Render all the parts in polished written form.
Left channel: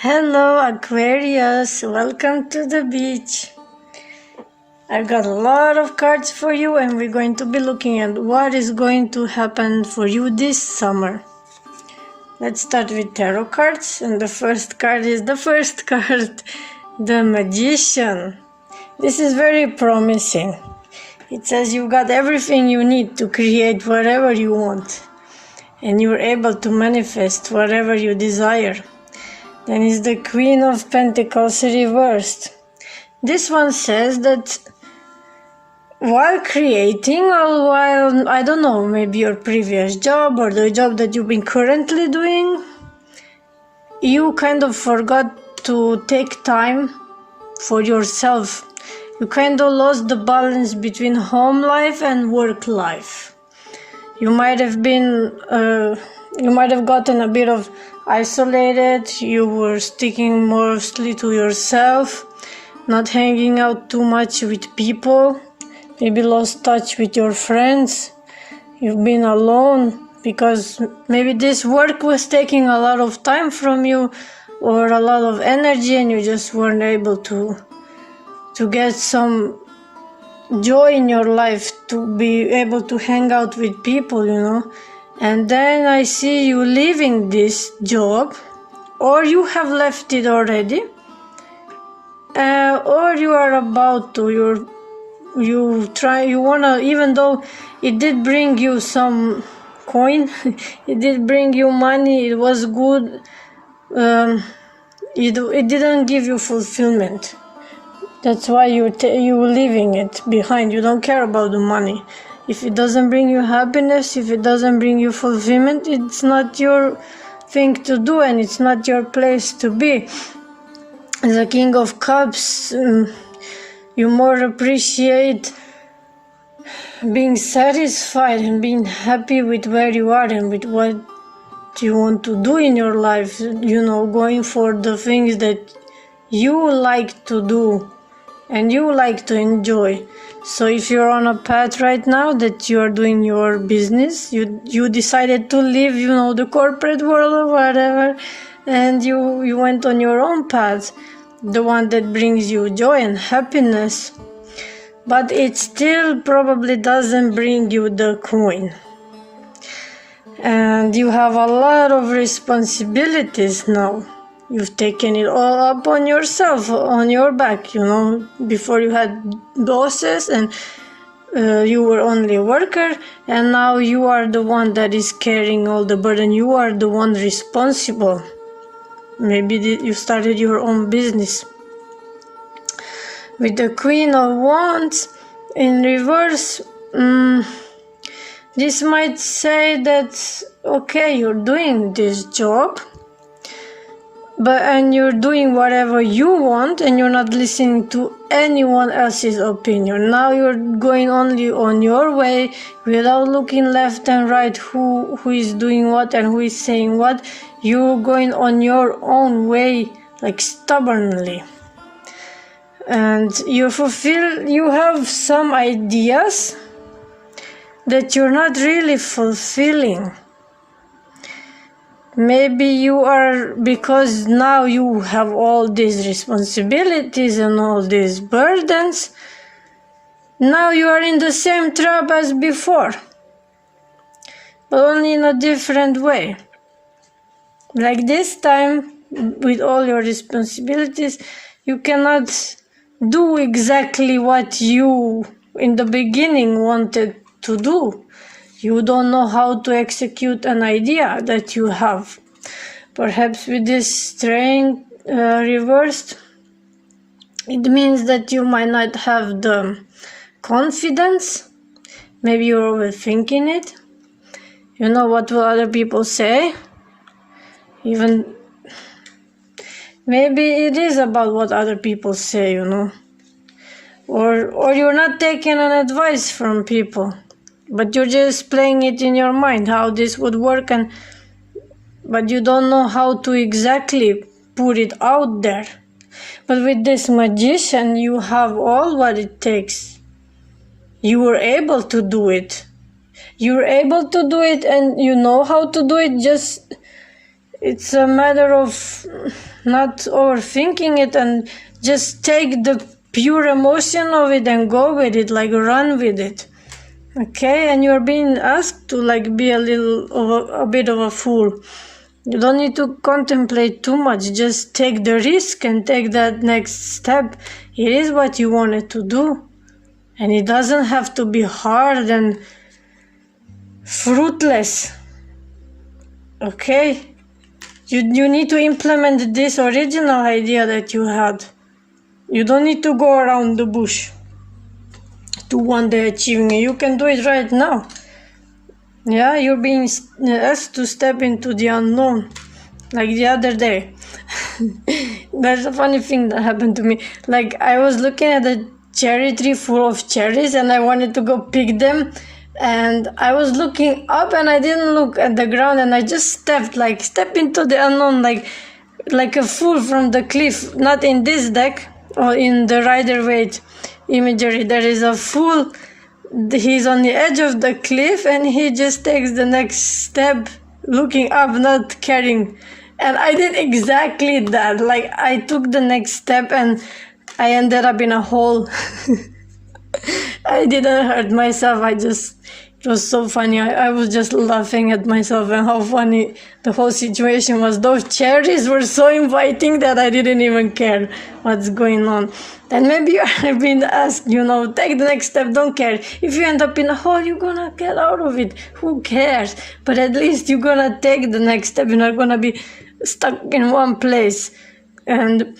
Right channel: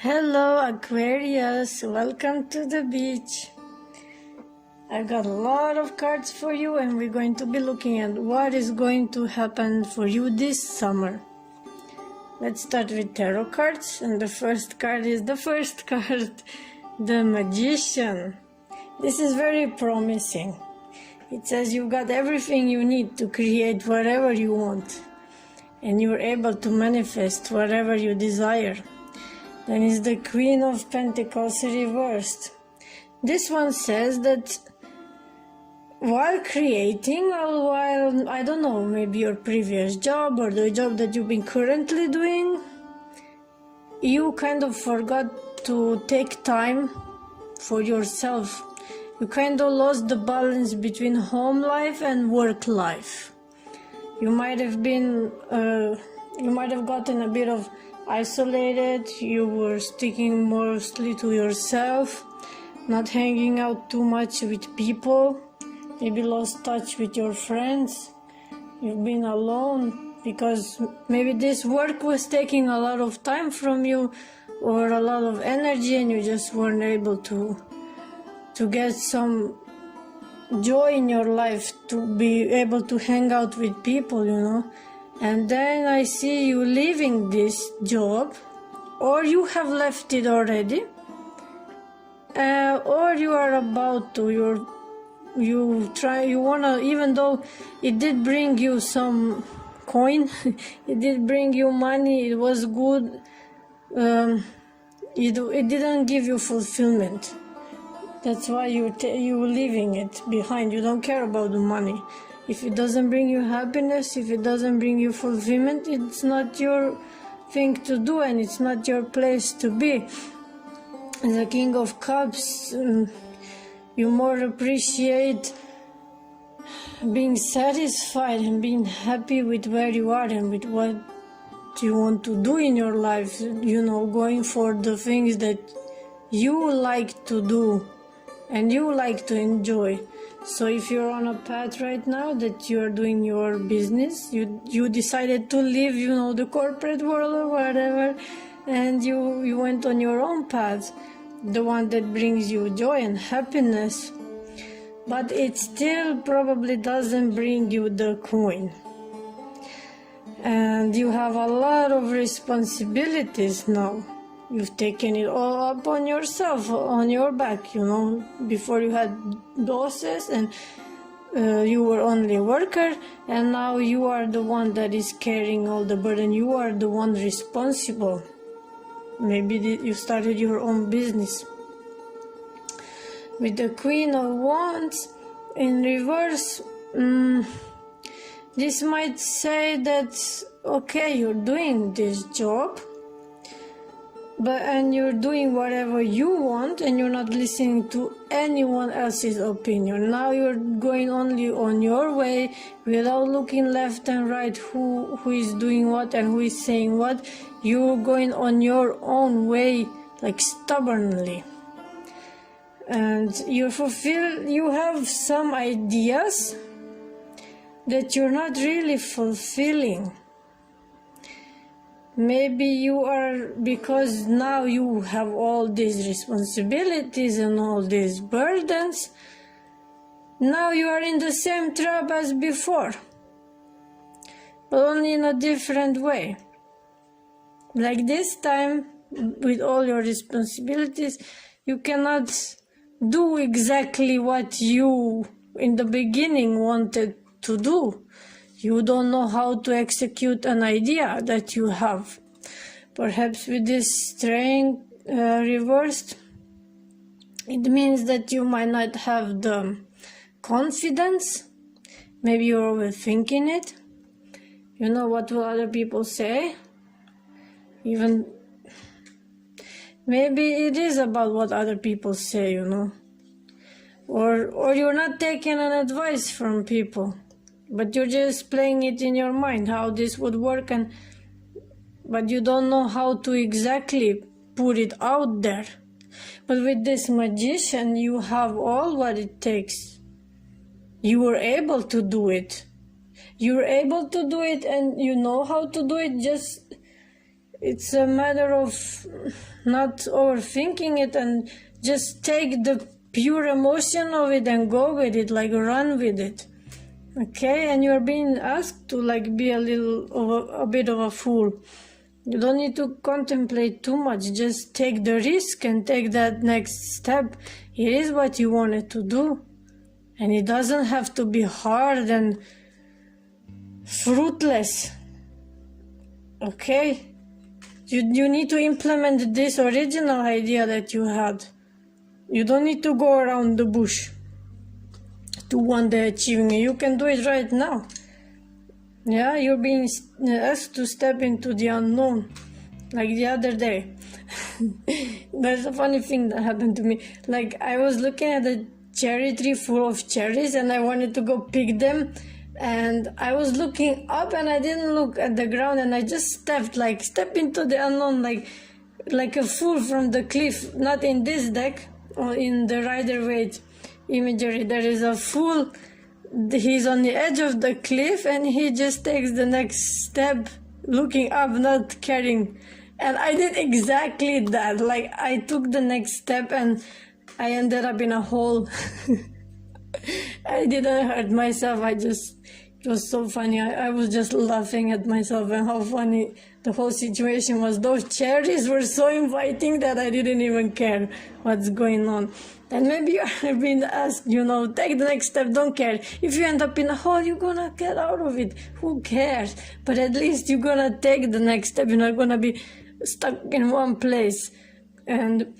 Hello Aquarius, welcome to the beach. I've got a lot of cards for you and we're going to be looking at what is going to happen for you this summer. Let's start with tarot cards, and the first card is the first card, the Magician. This is very promising. It says you've got everything you need to create whatever you want and you're able to manifest whatever you desire. Then is the Queen of Pentacles reversed. This one says that while creating, or while, I don't know, maybe your previous job or the job that you've been currently doing, you kind of forgot to take time for yourself. You kind of lost the balance between home life and work life. You might have gotten a bit of isolated, you were sticking mostly to yourself, not hanging out too much with people, maybe lost touch with your friends, you've been alone because maybe this work was taking a lot of time from you or a lot of energy and you just weren't able to get some joy in your life, to be able to hang out with people, And then I see you leaving this job, or you have left it already, or you are about to. You wanna, even though it did bring you some coin, it did bring you money, it was good. It didn't give you fulfillment. That's why you're leaving it behind. You don't care about the money. If it doesn't bring you happiness, if it doesn't bring you fulfillment, it's not your thing to do and it's not your place to be. As a King of Cups, you more appreciate being satisfied and being happy with where you are and with what you want to do in your life. Going for the things that you like to do and you like to enjoy. So if you're on a path right now that you are doing your business, you decided to leave, the corporate world or whatever, and you went on your own path, the one that brings you joy and happiness, but it still probably doesn't bring you the coin. And you have a lot of responsibilities now. You've taken it all up on yourself, on your back, Before you had bosses and you were only a worker, and now you are the one that is carrying all the burden. You are the one responsible. Maybe you started your own business. With the Queen of Wands in reverse, this might say that, okay, you're doing this job, and you're doing whatever you want and you're not listening to anyone else's opinion. Now you're going only on your way without looking left and right who is doing what and who is saying what. You're going on your own way, like stubbornly. And you have some ideas that you're not really fulfilling. Maybe you are, because now you have all these responsibilities and all these burdens, now you are in the same trap as before, but only in a different way. Like this time, with all your responsibilities, you cannot do exactly what you in the beginning wanted to do. You don't know how to execute an idea that you have. Perhaps with this train reversed, it means that you might not have the confidence. Maybe you're overthinking it. What will other people say? Even maybe it is about what other people say, Or you're not taking an advice from people, but you're just playing it in your mind how this would work, but you don't know how to exactly put it out there. But with this Magician, you have all what it takes. You were able to do it. You're able to do it and you know how to do it. Just it's a matter of not overthinking it, and just take the pure emotion of it and go with it, like run with it. Okay, and you're being asked to like be a bit of a fool. You don't need to contemplate too much, just take the risk and take that next step. It is what you wanted to do, and it doesn't have to be hard and fruitless. Okay, you need to implement this original idea that you had. You don't need to go around the bush to one day achieving it. You can do it right now. Yeah, you're being asked to step into the unknown, like the other day. That's a funny thing that happened to me. Like, I was looking at a cherry tree full of cherries and I wanted to go pick them, and I was looking up and I didn't look at the ground, and I just step into the unknown, like a fool from the cliff. Not in this deck or in the Rider-Waite imagery. There is a fool. He's on the edge of the cliff and he just takes the next step looking up, not caring. And I did exactly that. Like, I took the next step and I ended up in a hole. I didn't hurt myself. It was so funny. I was just laughing at myself and how funny the whole situation was. Those cherries were so inviting that I didn't even care what's going on. And maybe you are being asked, take the next step, don't care. If you end up in a hole, you're gonna get out of it. Who cares? But at least you're gonna take the next step. You're not gonna be stuck in one place. And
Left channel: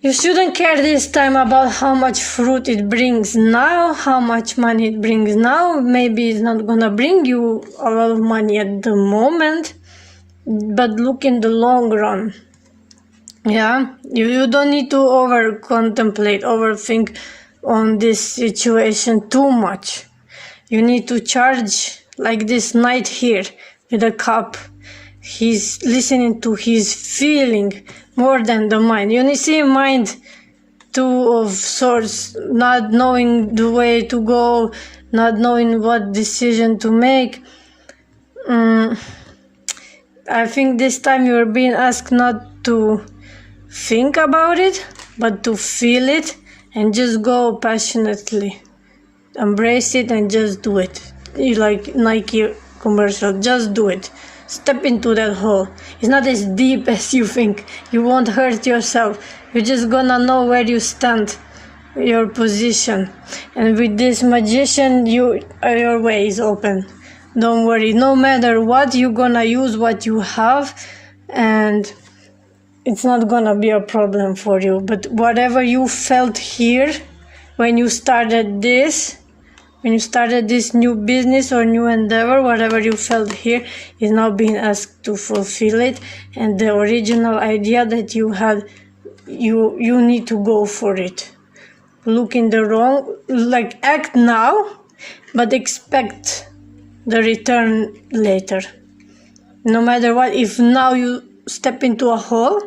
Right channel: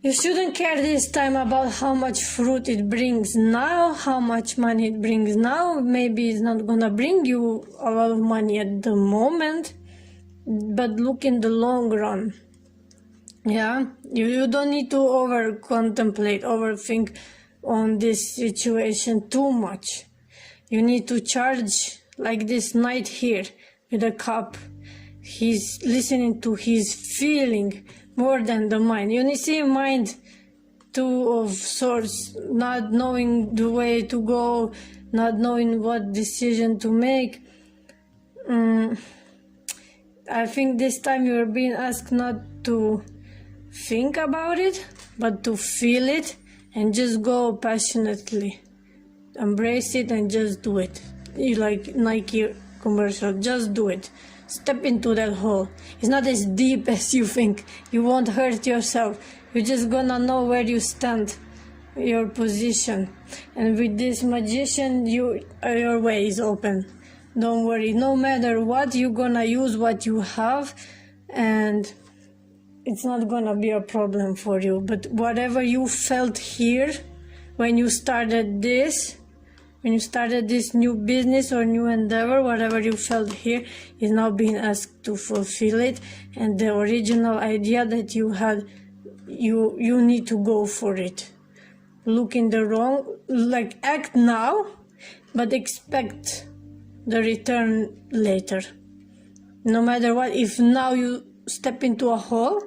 you shouldn't care this time about how much fruit it brings now, how much money it brings now. Maybe it's not gonna bring you a lot of money at the moment, but look in the long run. Yeah, you don't need to overthink on this situation too much. You need to charge like this knight here with a cup. He's listening to his feeling more than the mind. You see, mind, two of swords, not knowing the way to go, not knowing what decision to make. I think this time you're being asked not to think about it, but to feel it and just go passionately. Embrace it and just do it. You like Nike commercial, just do it. Step into that hole. It's not as deep as you think. You won't hurt yourself. You're just gonna know where you stand, your position. And with this magician, your way is open. Don't worry. No matter what, you're gonna use what you have, and it's not gonna be a problem for you. But whatever you felt here when you started this new business or new endeavor, whatever you felt here is now being asked to fulfill it. And the original idea that you had, you need to go for it. Look in the wrong, like act now, but expect the return later. No matter what, if now you step into a hole,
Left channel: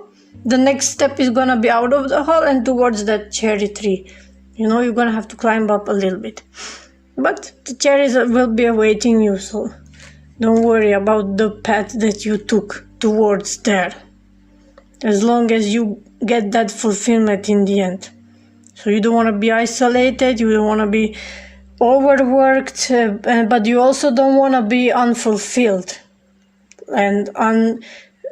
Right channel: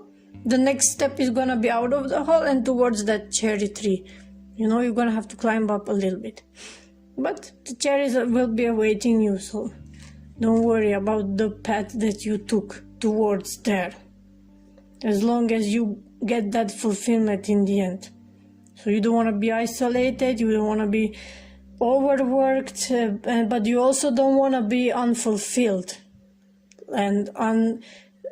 the next step is gonna be out of the hole and towards that cherry tree. You're gonna have to climb up a little bit. But the cherries will be awaiting you, so don't worry about the path that you took towards there. As long as you get that fulfillment in the end. So you don't want to be isolated, you don't want to be overworked, but you also don't want to be unfulfilled and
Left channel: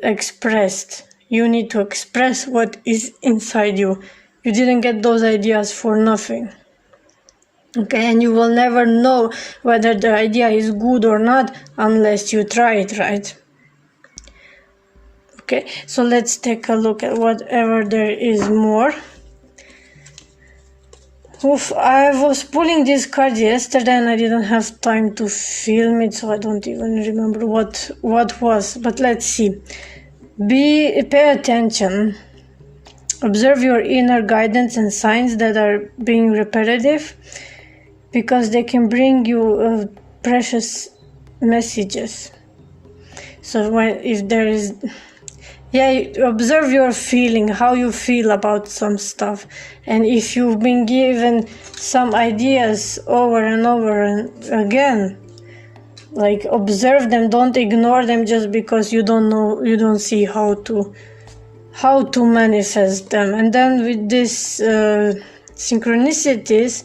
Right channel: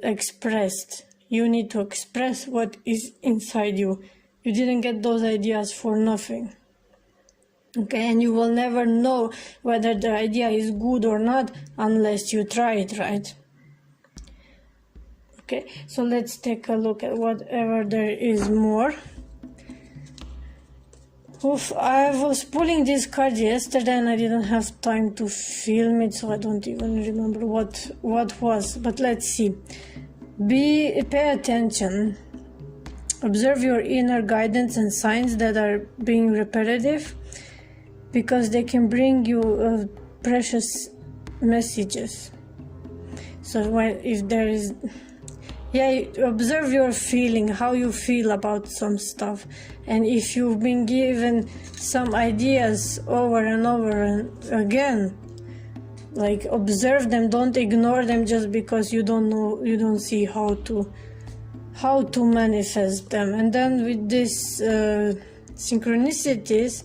unexpressed. You need to express what is inside you. You didn't get those ideas for nothing. Okay, and you will never know whether the idea is good or not unless you try it, right? Okay, so let's take a look at whatever there is more. I was pulling this card yesterday and I didn't have time to film it, so I don't even remember what was. But let's see. Pay attention. Observe your inner guidance and signs that are being repetitive, because they can bring you precious messages. So observe your feeling, how you feel about some stuff. And if you've been given some ideas over and over and again, like observe them, don't ignore them just because you don't see how to how to manifest them. And then with this synchronicities,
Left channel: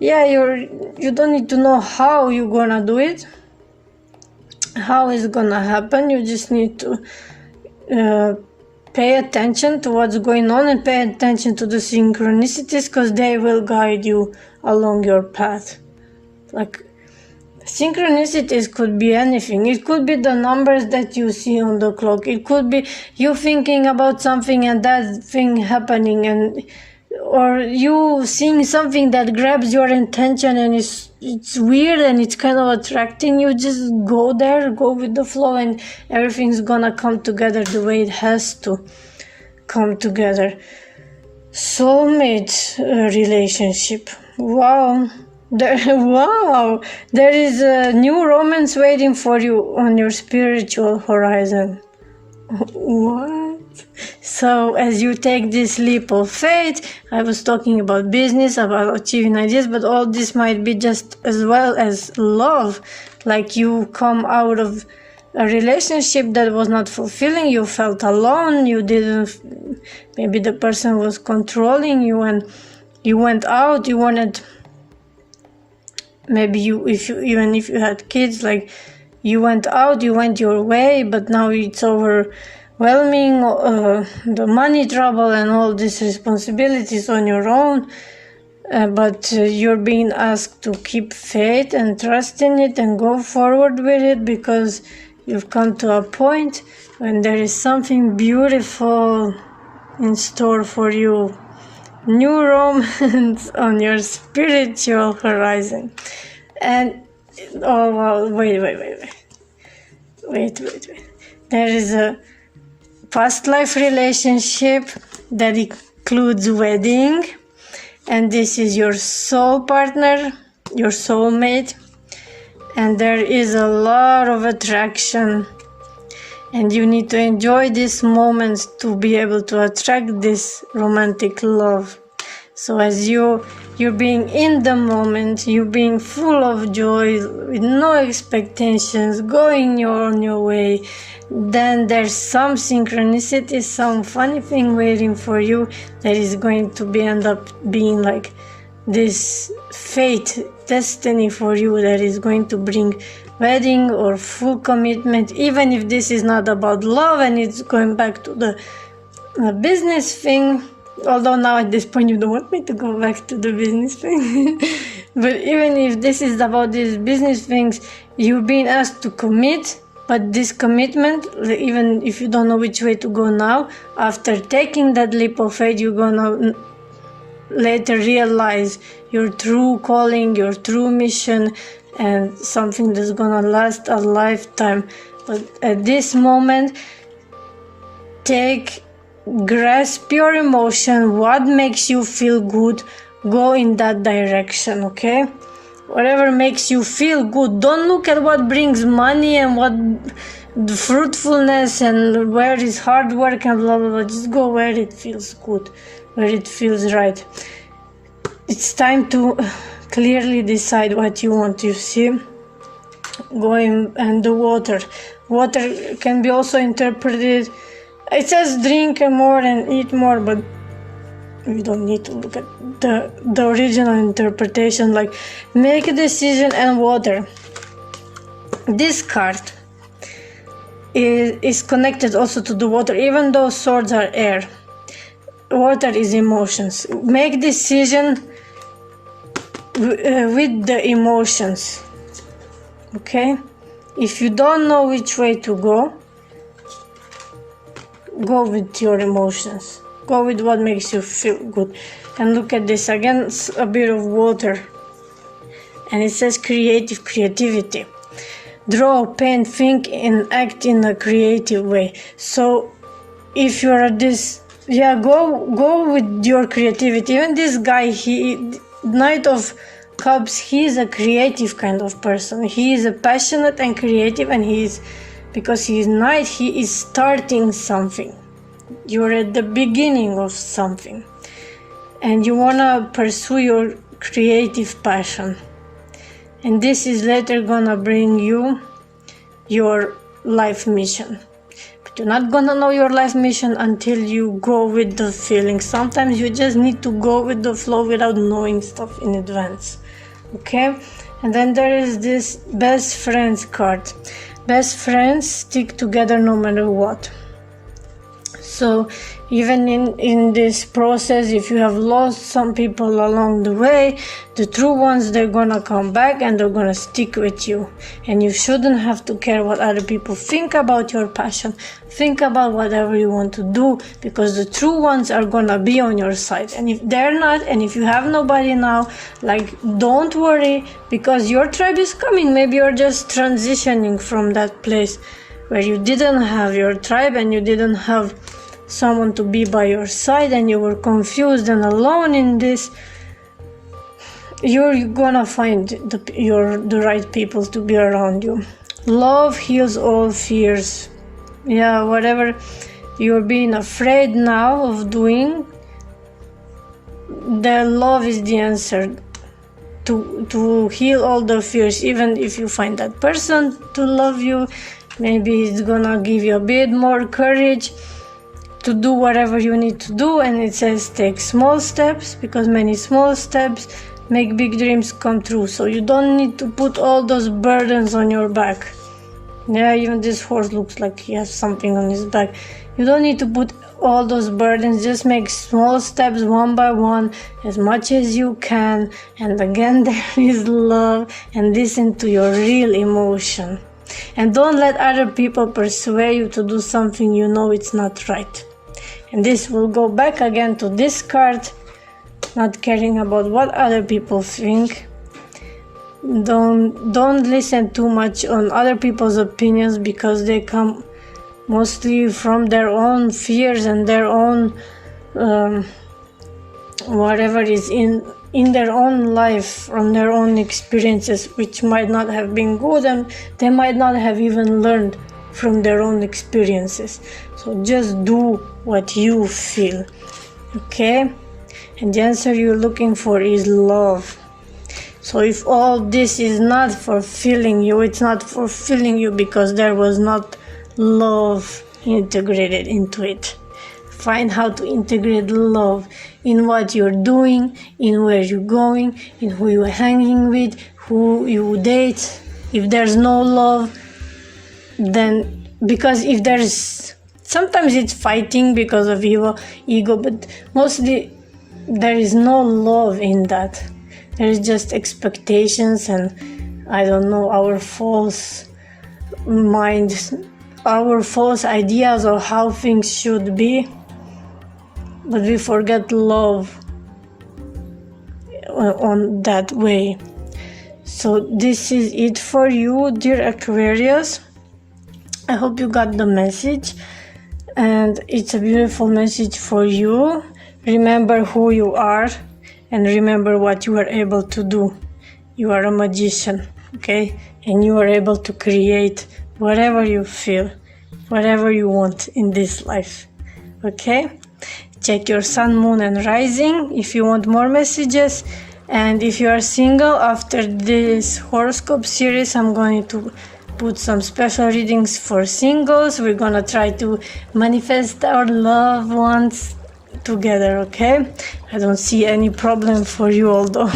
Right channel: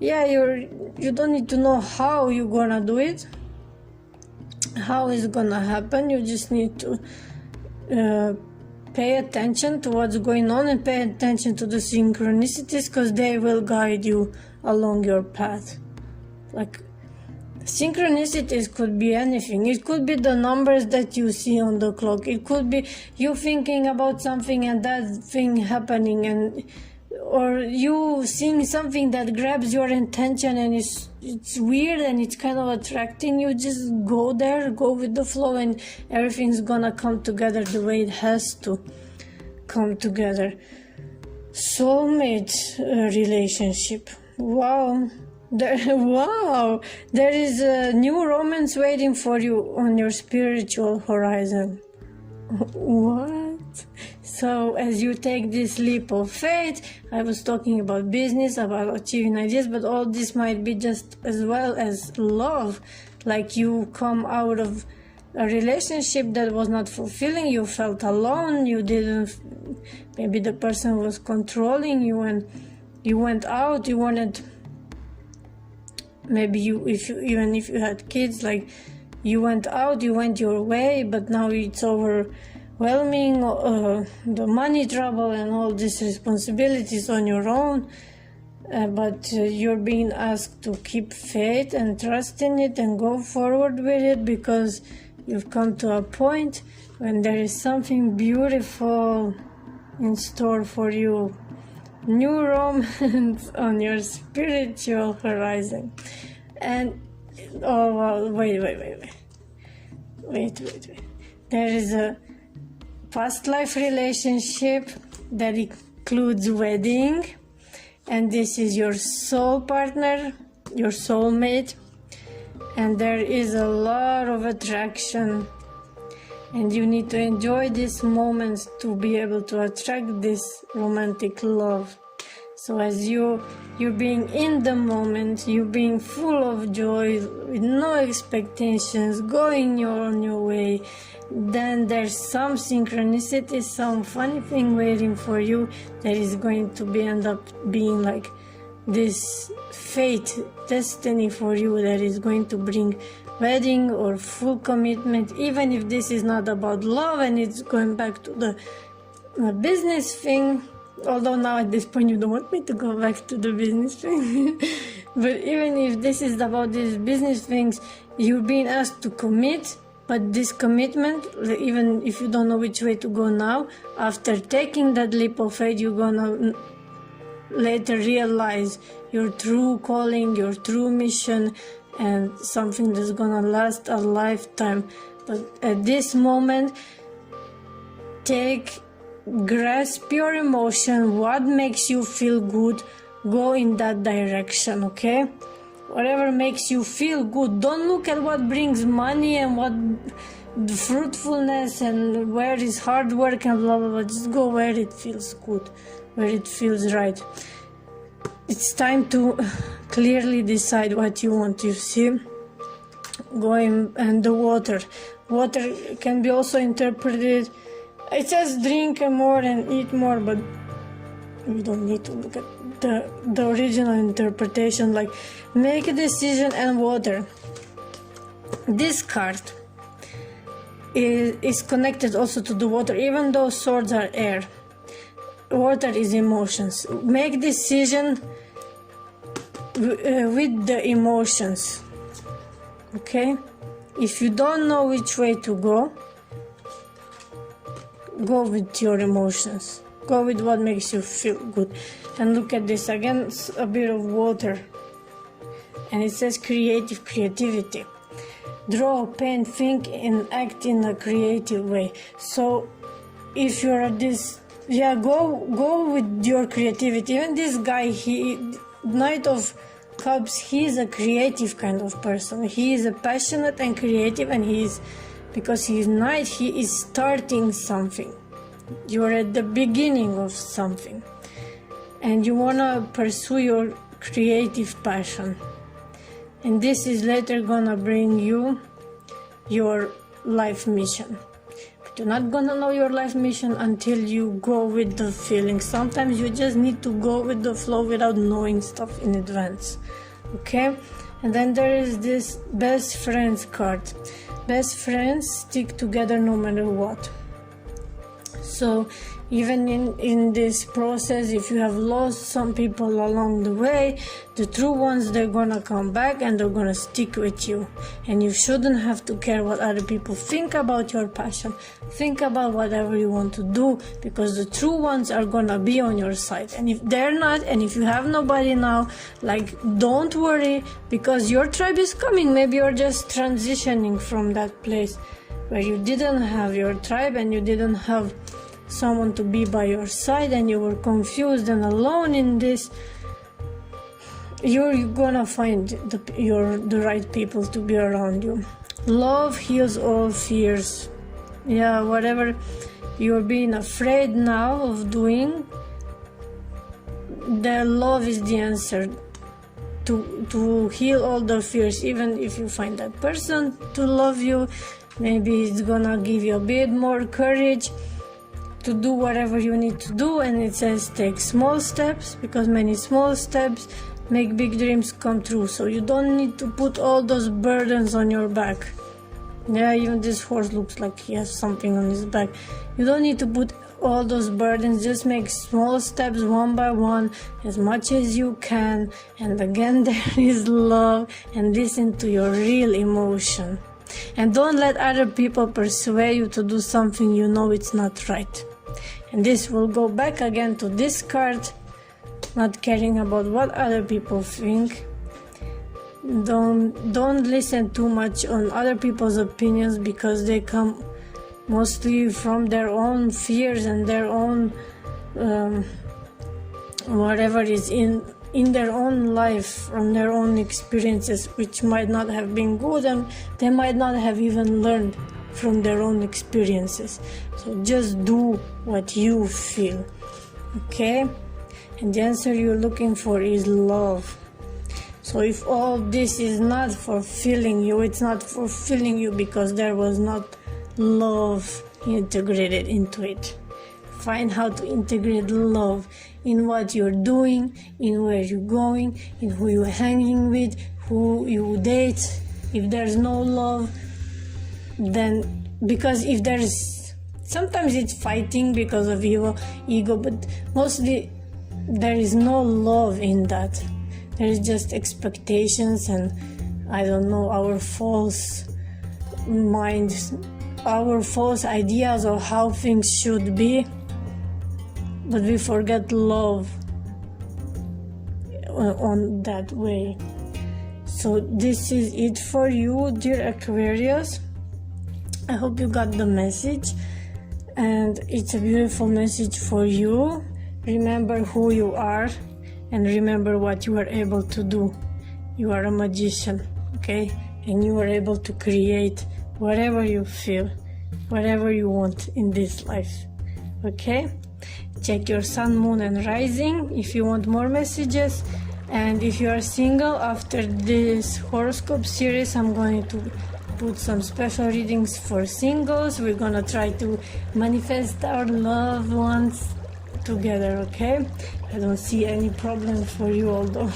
yeah, you don't need to know how you're gonna do it, how it's gonna happen. You just need to pay attention to what's going on and pay attention to the synchronicities, because they will guide you along your path. Like, synchronicities could be anything. It could be the numbers that you see on the clock. It could be you thinking about something and that thing happening, and or you seeing something that grabs your attention and it's weird and it's kind of attracting you. Just go there, go with the flow, and everything's gonna come together the way it has to come together. Soulmate relationship. Wow. There is a new romance waiting for you on your spiritual horizon. What? So as you take this leap of faith, I was talking about business, about achieving ideas, but all this might be just as well as love. Like, you come out of a relationship that was not fulfilling, you felt alone, maybe the person was controlling you, and you went out, you wanted, maybe even if you had kids, like, you went out, you went your way, but now it's overwhelming, the money trouble and all these responsibilities on your own, but you're being asked to keep faith and trust in it and go forward with it, because you've come to a point when there is something beautiful in store for you. New romance on your spiritual horizon. And oh wow, wait. There is a past life relationship that includes wedding, and this is your soul partner, your soulmate, and there is a lot of attraction, and you need to enjoy these moments to be able to attract this romantic love. So as you're being in the moment, you're being full of joy, with no expectations, going on your way, then there's some synchronicity, some funny thing waiting for you that is going to end up being like this fate, destiny for you, that is going to bring wedding or full commitment, even if this is not about love and it's going back to the business thing. Although now at this point you don't want me to go back to the business thing. But even if this is about these business things, you're being asked to commit, but this commitment, even if you don't know which way to go now, after taking that leap of faith, you're gonna later realize your true calling, your true mission, and something that's gonna last a lifetime. But at this moment, grasp your emotion, what makes you feel good, go in that direction, okay? Whatever makes you feel good. Don't look at what brings money and what the fruitfulness and where is hard work and blah blah blah. Just go where it feels good, where it feels right. It's time to clearly decide what you want. You see, going and the water can be also interpreted. It says drink more and eat more, but we don't need to look at the original interpretation. Like, make a decision and water. This card is connected also to the water, even though swords are air. Water is emotions. Make decision with the emotions, okay? If you don't know which way to go with your emotions. Go with what makes you feel good. And look at this again, a bit of water, and it says creativity. Draw, paint, think, and act in a creative way. So if you're at this, go with your creativity. Even this guy, Knight of Cups, he's a creative kind of person. He is a passionate and creative, and because he is Knight, he is starting something. You're at the beginning of something, and you wanna pursue your creative passion, and this is later gonna bring you your life mission. But you're not gonna know your life mission until you go with the feeling. Sometimes you just need to go with the flow without knowing stuff in advance. Okay? And then there is this best friends card. Best friends stick together no matter what. So even in this process, if you have lost some people along the way, the true ones, they're gonna come back and they're gonna stick with you. And you shouldn't have to care what other people think about your passion. Think about whatever you want to do, because the true ones are gonna be on your side. And if they're not, and if you have nobody now, like, don't worry, because your tribe is coming. Maybe you're just transitioning from that place where you didn't have your tribe and you didn't have someone to be by your side, and you were confused and alone in this. You're gonna find the right people to be around you. Love heals all fears. Yeah, whatever you're being afraid now of doing, the love is the answer to heal all the fears. Even if you find that person to love you, maybe it's gonna give you a bit more courage to do whatever you need to do. And it says take small steps, because many small steps make big dreams come true. So you don't need to put all those burdens on your back. Yeah, even this horse looks like he has something on his back. You don't need to put all those burdens. Just make small steps one by one, as much as you can. And again, there is love, and listen to your real emotion. And don't let other people persuade you to do something you know it's not right. And this will go back again to this card, not caring about what other people think. Don't listen too much on other people's opinions, because they come mostly from their own fears and their own whatever is in their own life, from their own experiences, which might not have been good, and they might not have even learned from their own experiences. So just do what you feel, okay? And the answer you're looking for is love. So if all this is not fulfilling you, it's not fulfilling you because there was not love integrated into it. Find how to integrate love in what you're doing, in where you're going, in who you're hanging with, who you date. If there's no love, then, because if there's, sometimes it's fighting because of ego, but mostly there is no love in that. There is just expectations and, I don't know, our false minds, our false ideas of how things should be. But we forget love on that way. So this is it for you, dear Aquarius. I hope you got the message, and it's a beautiful message for you. Remember who you are, and remember what you are able to do. You are a magician, okay? And you are able to create whatever you feel, whatever you want in this life, okay? Check your sun, moon, and rising if you want more messages. And if you are single, after this horoscope series, I'm going to put some special readings for singles. We're gonna try to manifest our loved ones together, okay? I don't see any problem for you, although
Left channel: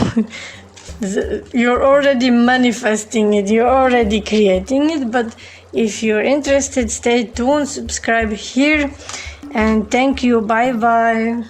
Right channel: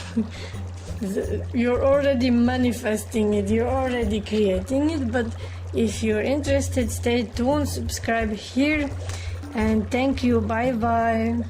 you're already manifesting it, you're already creating it. But if you're interested, stay tuned, subscribe here, and thank you. Bye bye.